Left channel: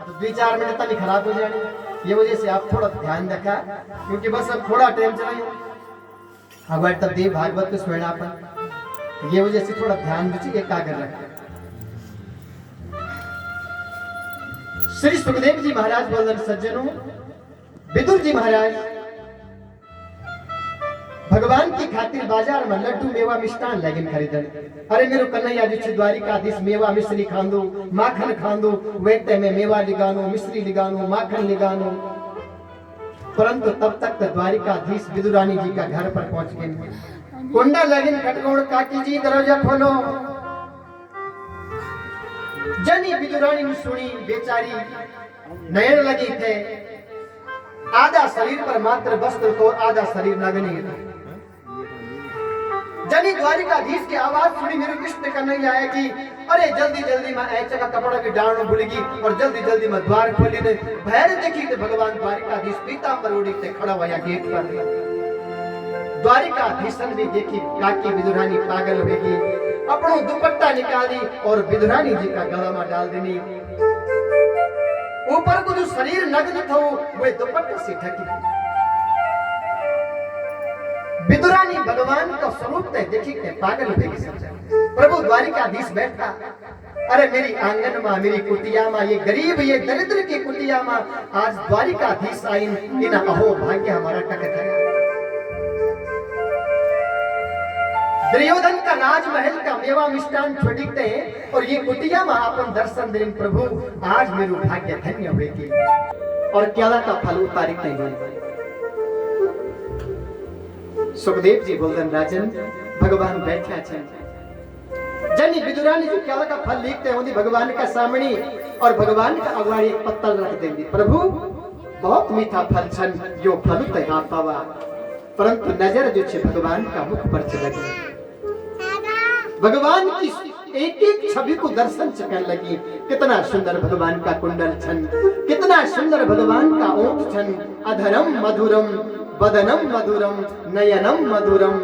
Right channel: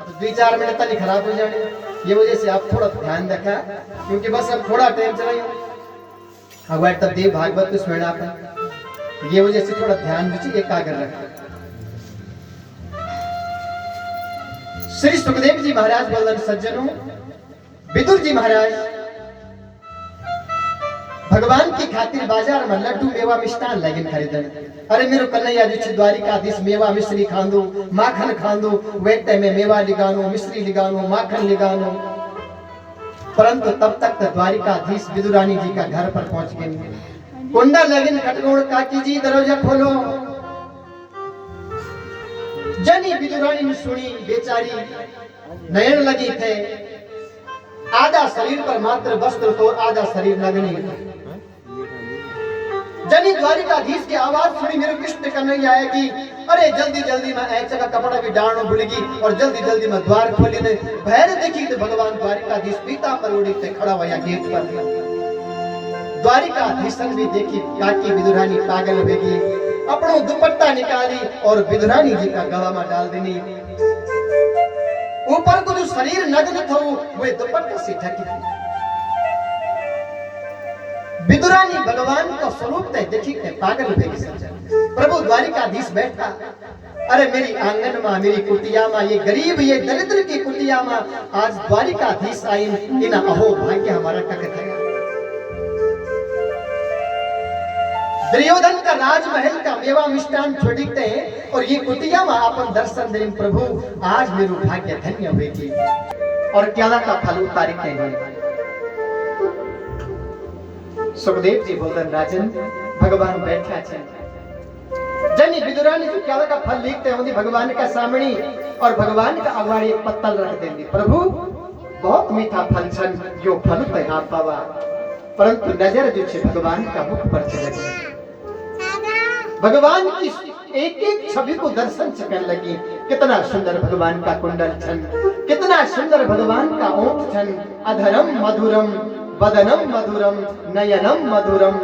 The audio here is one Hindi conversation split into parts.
अब 2-4 मिनट तक खराब हो जाने, ये वजह से आप थोड़ा ध्यान रखा, क्योंकि बस अब थोड़ा टाइम चला अब तब देव भागवत को स्मरण अपन, ये वजह से थोड़ा ध्यान दीजिए, एकाग्र रखा। श्री सुखदेव जी महाराज बोल रहे सज्जनों, विदुर जी महाराज भगवान की खातिर बाजार में लड्डू मेवा मिष्टान लगिन खरीदन। अरे मेरो कन्हैया जो छे द्वारिकाधीश मेवा मिश्री खांदो, माखन खांदो, वेटे में मेवा लिगानो, मिश्री लिगानो, माखन लिगानो। परंतु तब तक तो द्वारिकाधीश विदुरानी जी का घर पर पहुंच गए। कुंडा लगिन खटगोड़, काकी जी दरवाजा खोलो। जनी विदुरानी ने सुनी, बेचारी नयन लगी थे, आधा शरीर पर मात्र वस्त्र तो आधा शरीर नग्न था। जनी द्वारिकाधीश की आवाज सुनी, मेरे कृष्ण कन्हैया आएगी। अरे जल्दी जल्दी मैं ऐसा का कपड़ा भी डालना भूलगी और जल्दी जल्दी मैं द्वार खोली ने भैर देखी तो भगवान द्वारिकाधीश पीता पर उड़ी से खड़ा हुआ गेट पर। द्वारिकाधीश भी देखी, काकी विदुरानी पागल होगी, अपनो दुपट्टा निकाली और विदुरानी जी का गला में डाल देनी। ऊपर को जो शरीर नग्न था वो दुपट्टे से ढकी थी। विदुरानी भगवान का स्वरूप ते देखी के पागल हो गई। प्रभु द्वारिकाधीश बैठा, अरे मेरी आंगन में, मेरी कुटिया में, ये गरीब ये दरिद्र की कुटिया में आज द्वारिकाधीश आई, इन अहो भाग्य हमारा टकट है। दुर्योधन का राजमहल का मेवा मिष्टान छोड़ते हैं और ये कुटिया में अपन दर्शन दें। प्रभु आज मेरू भाग्य धन्य होगी और केला का फल उतारते हैं। सुखदेव जी बोलन राजन भगवान बैठा छे। जनी विदुरानी जो केला का फल लिखते हैं भगवान का सामने और भगवान का अगाड़ी एक पत्तल रख देंगे। प्रभु बहुत मीठा फल छन, यो फल ते आप पावा, परंतु नजर जो छे भगवान का मुख पर चली। भगवान की एक एक छवि को दर्शन कर लगी। कितना सुंदर भगवान का कुंडल छन, कितना सुंदर भगवान का ओठ छन। अधरम मधुरम, वदनम मधुरम, नयनम मधुरम।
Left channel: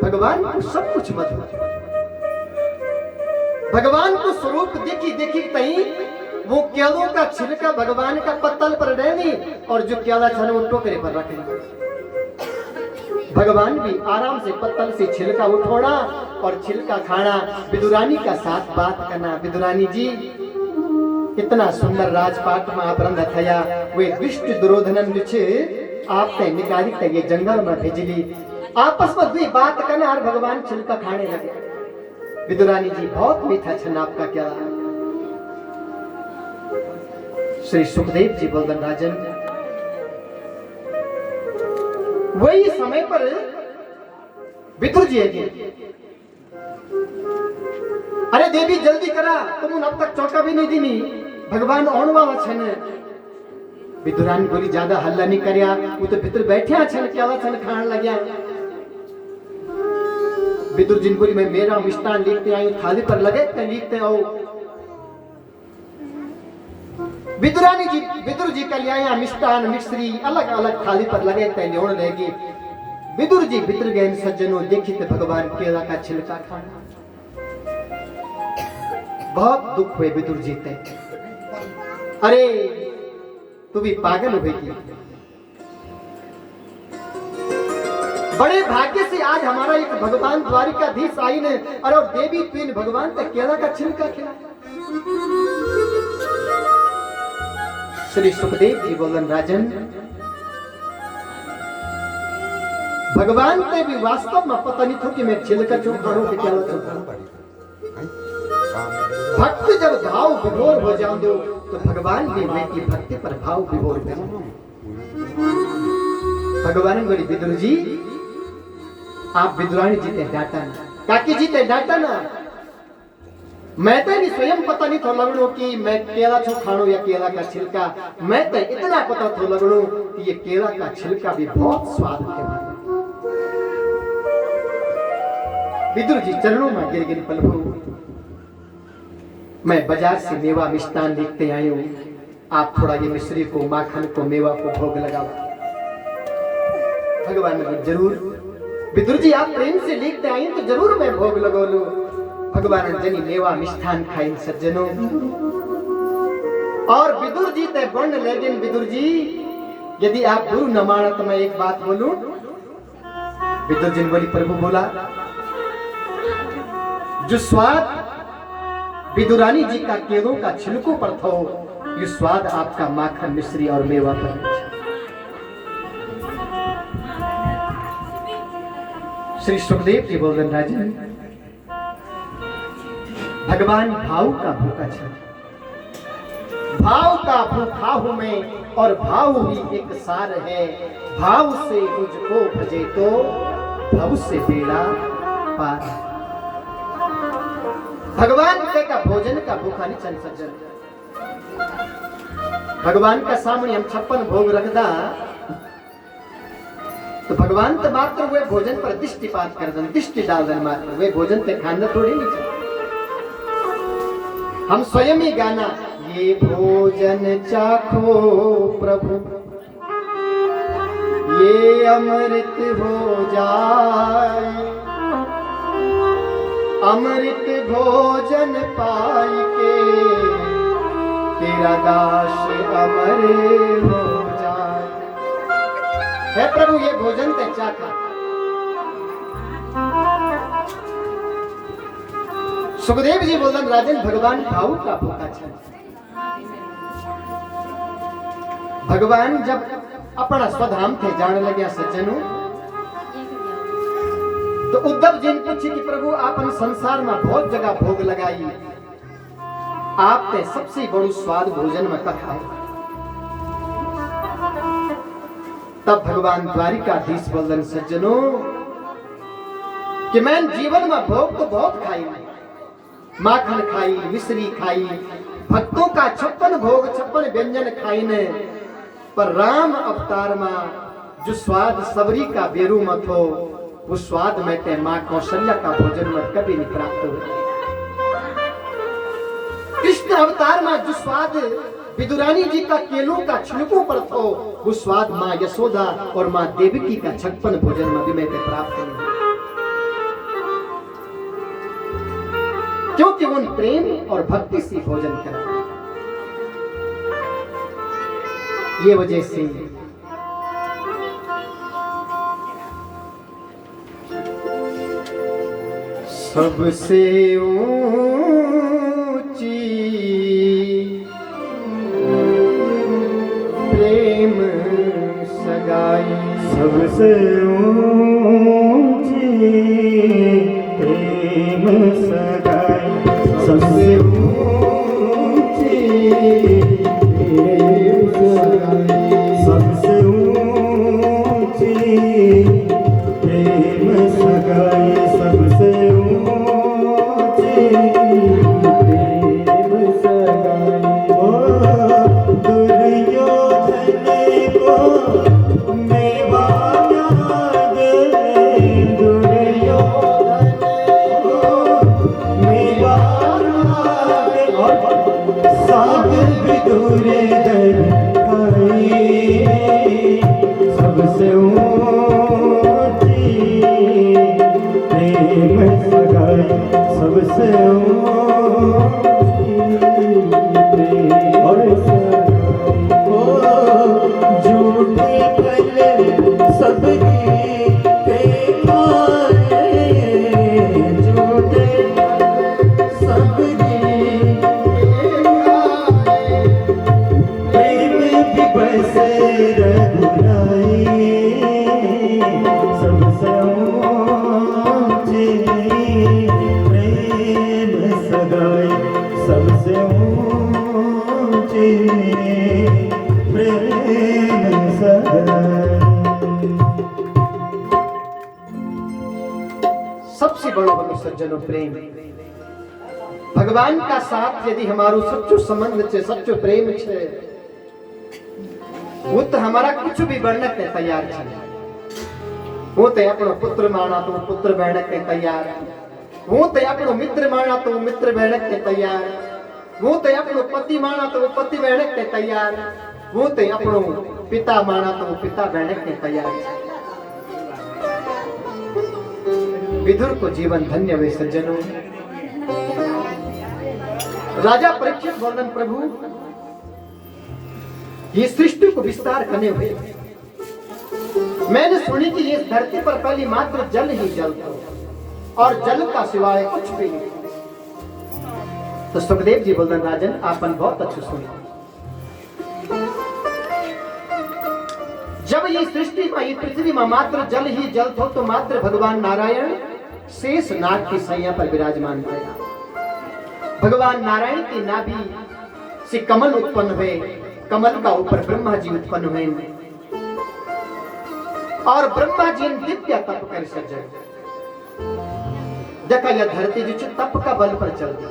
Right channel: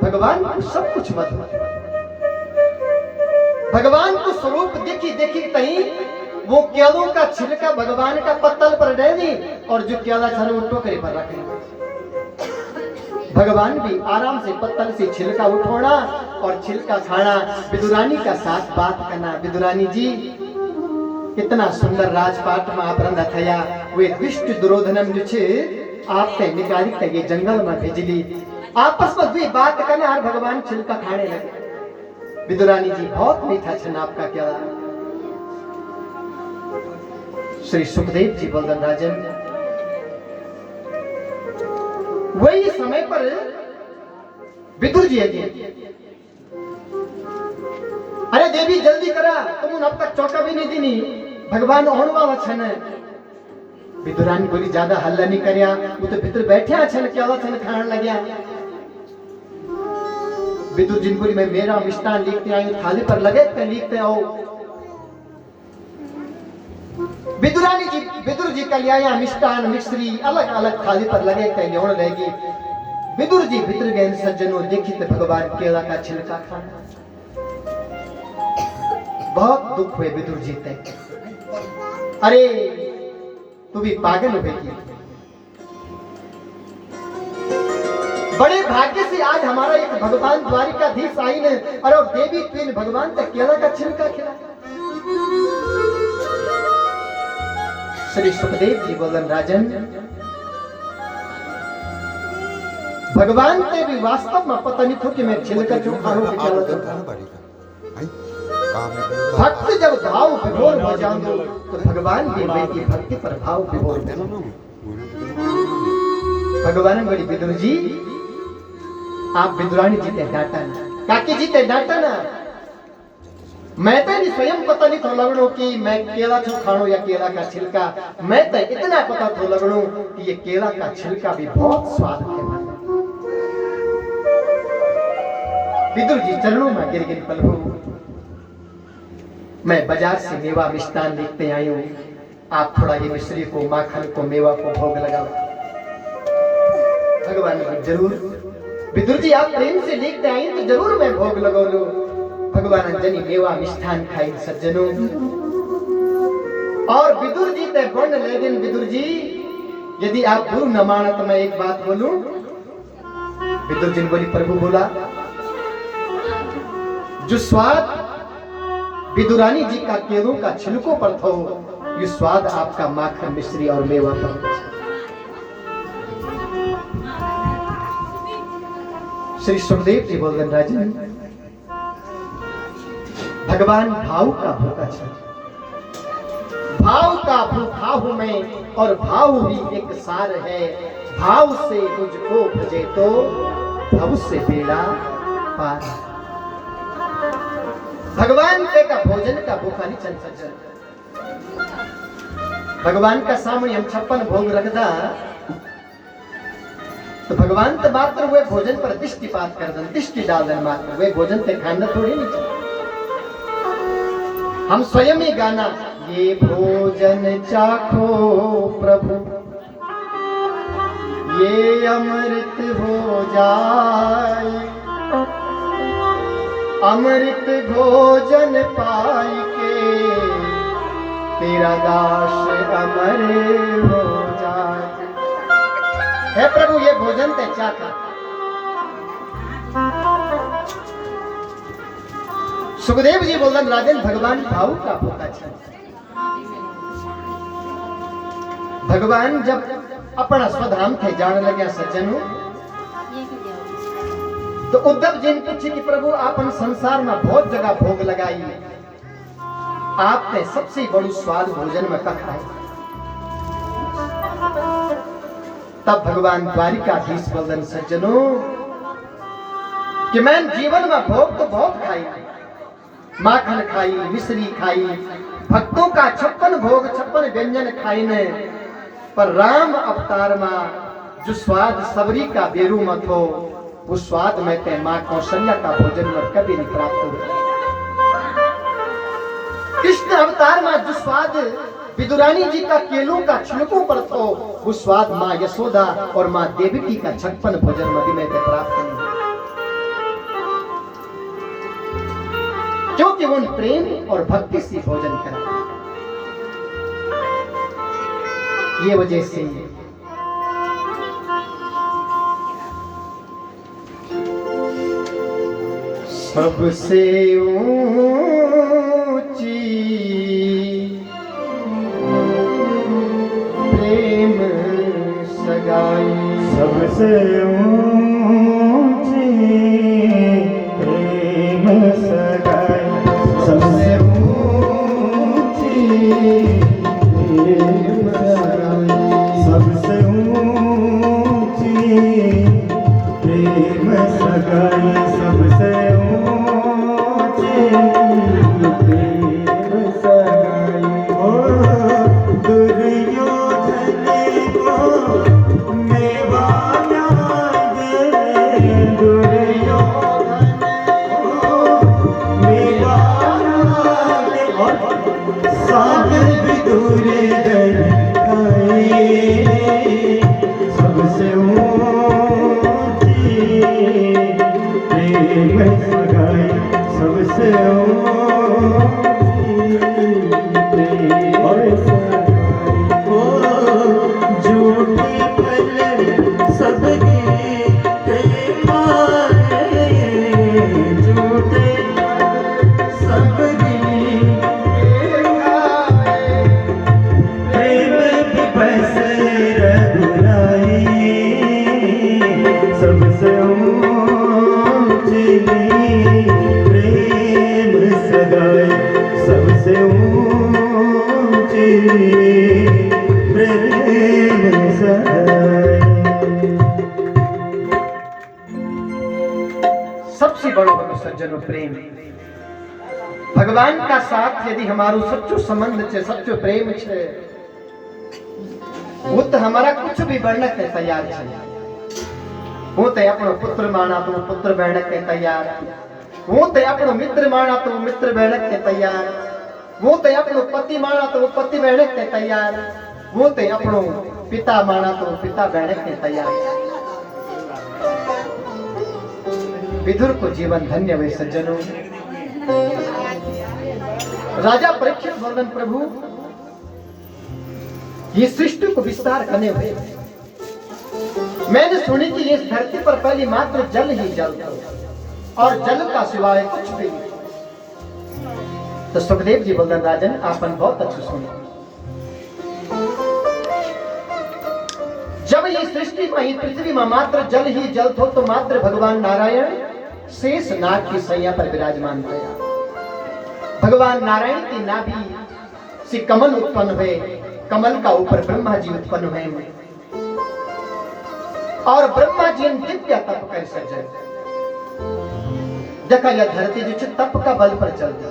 भगवान को सब कुछ मधुर। भगवान को स्वरूप देखी देखी तही वो केलों का छिलका भगवान का पत्तल पर डाली और जो केला छन वो टोकरे पर रखे। भगवान भी आराम से पत्तल से छिलका उठोना और छिलका खाना, विदुरानी का साथ बात करना। विदुरानी जी इतना सुंदर राजपाट में आप रंधा थया, वे दुष्ट दुर्योधनम जो छे आप ते निकाली ते ये जंगल में भेजली। आपस में भी बात करने और भगवान छिलका खाने लगे। विदुरानी जी बहुत मीठा छन आपका क्या। श्री सुखदेव जी बोलन राजन वही समय पर विदुर जी है। अरे देवी जल्दी करा, तुम अब तक चौका भी नहीं दीनी, भगवान आने वाला छन। विदुरानी बोली ज्यादा हल्ला नहीं करया, वो तो भीतर बैठे छन, केला छन खान लग्या। विदुर जी बोली मैं मेरा मिष्टान लिखते आयो, थाली पर लगे ते लिखते आओ। विदुरानी जी विदुर जी का लिया मिष्टान मिश्री अलग अलग थाली पर लगे ते लेने लगी। विदुर जी भीतर गए, सज्जनों देखी तो भगवान केला का छिलका खाना। बहुत दुख हुए विदुर जी ते। अरे तू भी पागल होगी, बड़े भाग्य से आज हमारा एक भगवान द्वारिकाधीश आई ने। अरे और देवी तुम भगवान ते केला का छिलका खिला। श्री सुखदेव जी बोलन राजन भगवान के भी वास्तव में पता नहीं था कि मैं छिलका चोखा हूं कि केला चोखा। भक्त जब भाव विभोर हो जाओ तो भगवान भी मेरी भक्ति पर भाव विभोर हो। भगवान बोली विदुर जी आप विदुरानी जी के डांटा ना, काकी जी के डांटा ना। मैं तो भी स्वयं पता नहीं था लगनो कि मैं केला छो खानो या केला का छिलका। मैं तो इतना पता था लगनो कि ये केला का छिलका भी बहुत स्वाद है। विदुर जी चरणों में गिर गिर प्रभु मैं बाजार से मेवा मिष्टान लेते आई हूँ, आप थोड़ा ये मिश्री को, माखन को, मेवा को भोग लगाओ। भगवान ने जरूर। विदुर जी आप प्रेम से लेते आई तो जरूर मैं भोग लगा लूं। भगवान जनी मेवा मिष्ठान खाई सज्जनों और और विदुर जी ते बन लेकिन विदुर जी यदि आप गुरु न माना तो मैं एक बात बोलूं। विदुर जी ने बोली प्रभु बोला जो स्वाद विदुरानी जी का केलों का छिलकों पर था ये स्वाद आपका माखन मिश्री और मेवा पर है। श्री सुखदेव जी बोल राजन भगवान भाव का भूखा छे, भाव का भूखा हूं मैं और भाव ही एक सार है। भाव से मुझको भजे तो भव से बेड़ा पार। भगवान के का भोजन का भूखा नहीं चल सज्जन। भगवान का सामने हम 56 भोग रखदा तो भगवान तो मात्र वे भोजन पर दृष्टिपात कर दन, दृष्टि डाल दन मात्र, वे भोजन पे खाना थोड़ी नहीं चाहिए। हम स्वयं ही गाना ये भोजन चाखो प्रभु ये अमृत हो जाए, अमृत भोजन पाई के तेरा दास अमर हो जाए। हे प्रभु ये भोजन ते चाखा। सुखदेव जी बोलन राजन भगवान भाव का भूखा छे। भगवान जब अपना स्वधाम थे जाने लगे सज्जनों तो उद्धव जी ने पूछी कि प्रभु आपन संसार में बहुत जगह भोग लगाई, आपने सबसे बड़ी स्वाद भोजन में कब खाई? तब भगवान द्वारिकाधीश बोलन सज्जनों कि मैं जीवन में भोग तो बहुत खाई, माखन खाई, मिश्री खाई, भक्तों का 56 भोग 56 व्यंजन खाई ने, पर राम अवतार में जो स्वाद सबरी का बेरू मत हो वो स्वाद में ते मां कौशल्या का भोजन में कभी नहीं प्राप्त हुआ। कृष्ण अवतार में जो स्वाद विदुरानी जी का केलों का छिलकों पर थो वो स्वाद मां यशोदा और मां देवकी का 56 भोजन में भी मैं प्राप्त नहीं, क्योंकि वो प्रेम और भक्ति से भोजन करता। ये वजह से सबसे ऊंची प्रेम सगाई, सबसे ऊंची प्रेम सगाई, सबसे ऊंची प्रेम सगाई, सबसे ऊंची प्रेम सगाई, सबसे ऊंची प्रेम सगाई। ओ दुर्योधन को मेवा दे, दुर्योधन को मेवा दे, साथ विदुर दर सबसे ऊंची प्रेम सगाई, सबसे झूठे फल सबके झूठे सबके प्रेम दिवस रघुराई, सबसे ऊंची प्रेम सगाई, सबसे ऊंची प्रेम सगाई। सबसे बड़ो बनो सज्जनों प्रेम। भगवान का साथ यदि हमारो सच्चो संबंध छे, सच्चो प्रेम छे, वो तो हमारा कुछ भी बनने के तैयार छे। वो तो अपनो पुत्र माना तो पुत्र बहन के तैयार, वो तो अपनो मित्र माना तो मित्र बहन के तैयार, वो तो अपनो पति माना तो पति बहन के तैयार, वो तो अपनो पिता माना तो पिता बहन के तैयार। विदुर को जीवन धन्य हुए सज्जनों। राजा परीक्षित वर्णन प्रभु ये सृष्टि को विस्तार करने हुए मैंने सुनी कि इस धरती पर पहले मात्र जल ही जल था और जल का सिवाय कुछ भी नहीं। तो सुखदेव जी बोलते राजन आपन बहुत अच्छे सुने। जब ये सृष्टि में पृथ्वी में मात्र जल ही जल थो तो मात्र भगवान नारायण शेष नाग की सैया पर विराजमान थया। भगवान नारायण की नाभि से कमल उत्पन्न हुए, कमल का ऊपर ब्रह्मा जी उत्पन्न हुए और ब्रह्मा जी ने दिव्य तप कर सजे। देखा यह धरती जो तप का बल पर चलता।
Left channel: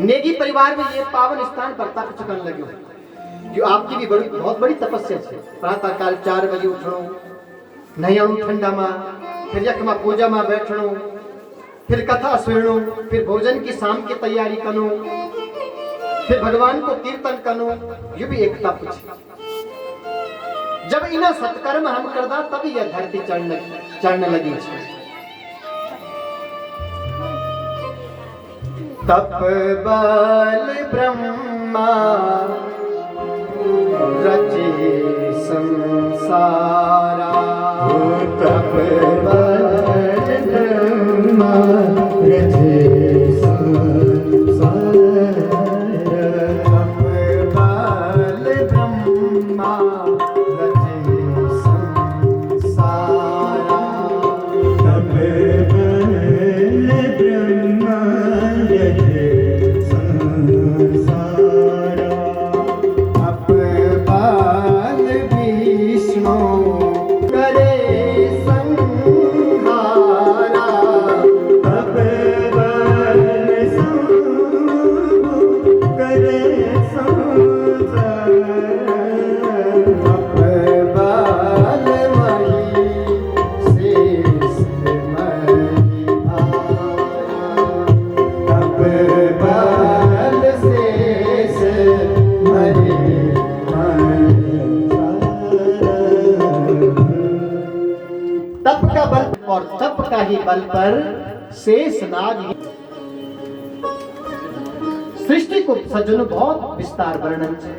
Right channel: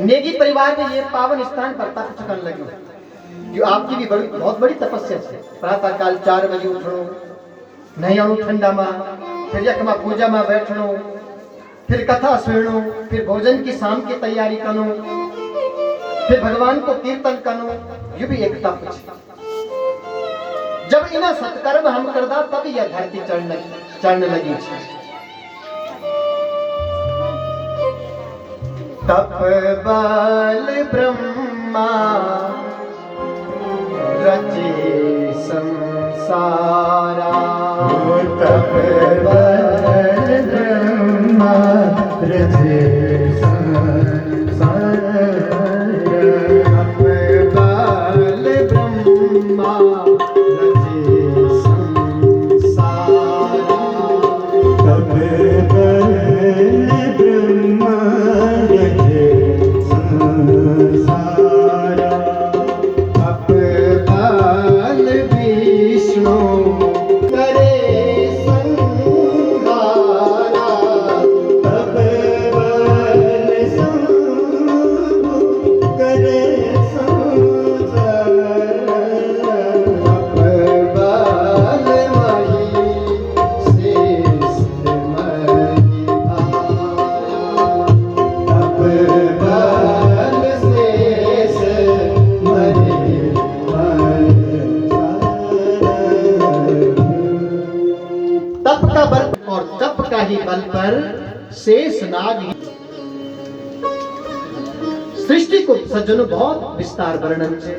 नेगी परिवार में ये पावन स्थान पर तप चकन लगे जो आपकी भी बड़ी बहुत बड़ी तपस्या है। प्रातः काल 4 बजे उठो, नहीं ठंडा में, फिर यक में पूजा में बैठनो, फिर कथा सुनो, फिर भोजन की शाम की तैयारी करो, फिर भगवान को कीर्तन करो, ये भी एक तप है। जब इना सत्कर्म हम करदा तब यह धरती चढ़ने लगी है। तप बल ब्रह्मा रचे संसारा, तप बल ब्रह्मा रचे संसारा। तप बल ब्रह्मा रचे संसारा। तप बल ब्रह्मा रचे संसारा। तप बल विष्णु करे संहारा। तप बल शंभु करे संसारा। तप बल माही शेष मही भाया। तप बल शेष मही तप का बल और तप का ही बल पर शेष नाग ही। सृष्टि को सज्जनों बहुत विस्तार वर्णन है।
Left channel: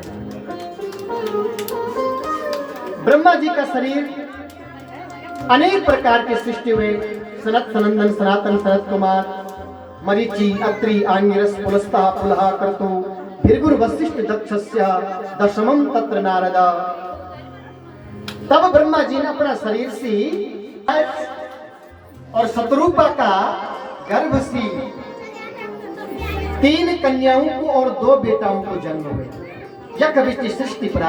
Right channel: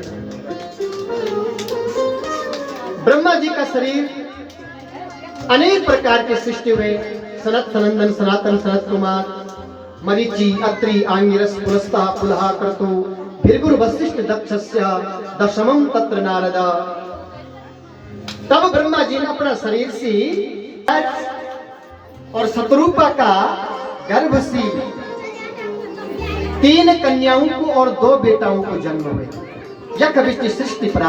ब्रह्मा जी का शरीर अनेक प्रकार के सृष्टि हुए। सनत सनंदन सनातन सनत कुमार मरीचि अत्रि आंगिरस पुलस्ता पुलहा क्रतु भृगुर वशिष्ठ दक्षस्य दशमम तत्र नारदा। तब ब्रह्मा जी ने अपना शरीर से और शत्रुपा का गर्भ से 3 कन्याओं को और 2 बेटाओं को जन्म हुए। यह कभी सृष्टि प्रारंभ